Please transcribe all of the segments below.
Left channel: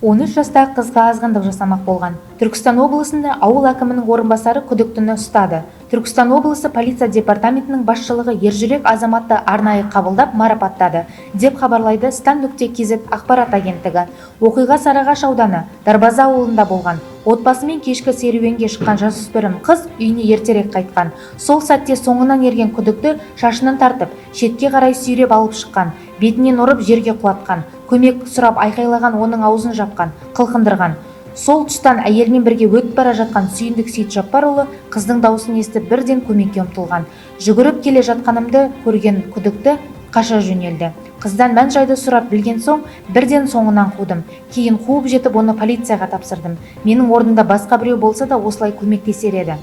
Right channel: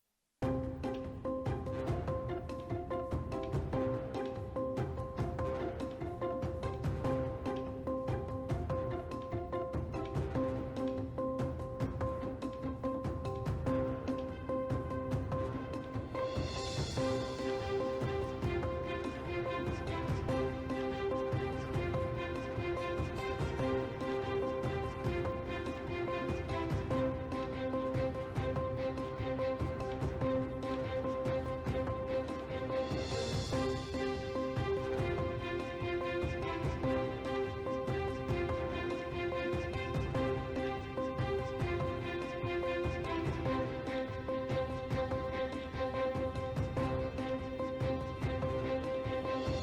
13 жастағы қызға азғындық жасамақ болған. Түркістан облысында ауыл әкімінің орынбасары күдіктіні ұстады. Түркістан облысы полиция департаментінің басшылығы ержүрек азаматты арнайы қабылдап марапаттады, деп хабарлайды Стан.кз ақпарат агенттігі. Оқиға Сарыағаш ауданы Дарбаза ауылында болған. Отбасымен кешкі серуенге шыққан жасөспірім қыз үйіне ертерек қайтқан. Сол сәтте соңынан ерген күдікті шашынан тартып, шетке қарай сүйреп алып шыққан, бетінен ұрып жерге құлатқан. Көмек сұрап айқайлаған, оның аузын жапқан, қылқындырған. Сол тұстан әйелмен бірге өтіп бара жатқан Сүйіндік Сейітжаппарұлы қыздың дауысын естіп бірден көмекке ұмтылған. Жүгіріп келе жатқанымды көрген күдікті қаша жөнелді. Қыздан мән-жайды сұрап білген соң бірден соңынан қудым. Кейін қуып жетіп оны полицияға тапсырдым. Менің орнымда басқа біреу болса да осылай көмектесер еді.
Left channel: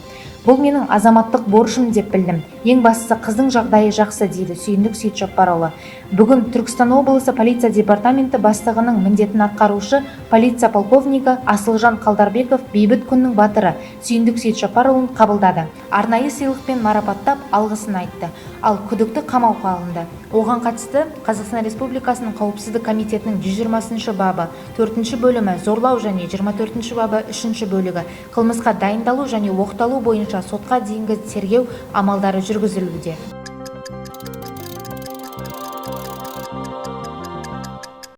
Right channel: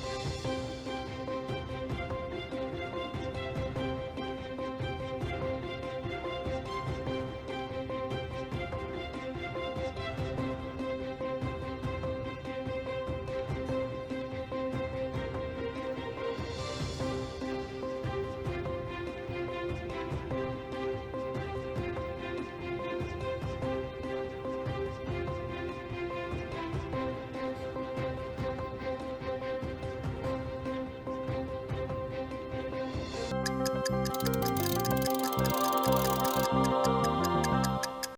Бұл менің азаматтық борышым деп білдім. Ең бастысы қыздың жағдайы жақсы, дейді Сүйіндік Сейітжаппарұлы. Бүгін Түркістан облысы полиция департаменті бастығының міндетін атқарушы полиция полковнигі Асылжан Қалдарбеков бейбіт күннің батыры Сүйіндік Сейітжаппарұлын қабылдады. Арнайы сыйлықпен марапаттап алғысын айтты. Ал күдікті қамауға алынды. Оған қатысты Қазақстан Республикасының Қауіпсіздік комитетінің 120 бабы 4 бөлімі зорлау және 24 бабы 3 бөлігі қылмысқа дайындалу және оқталу бойынша сотқа дейінгі тергеу амалдары жүргізілуде.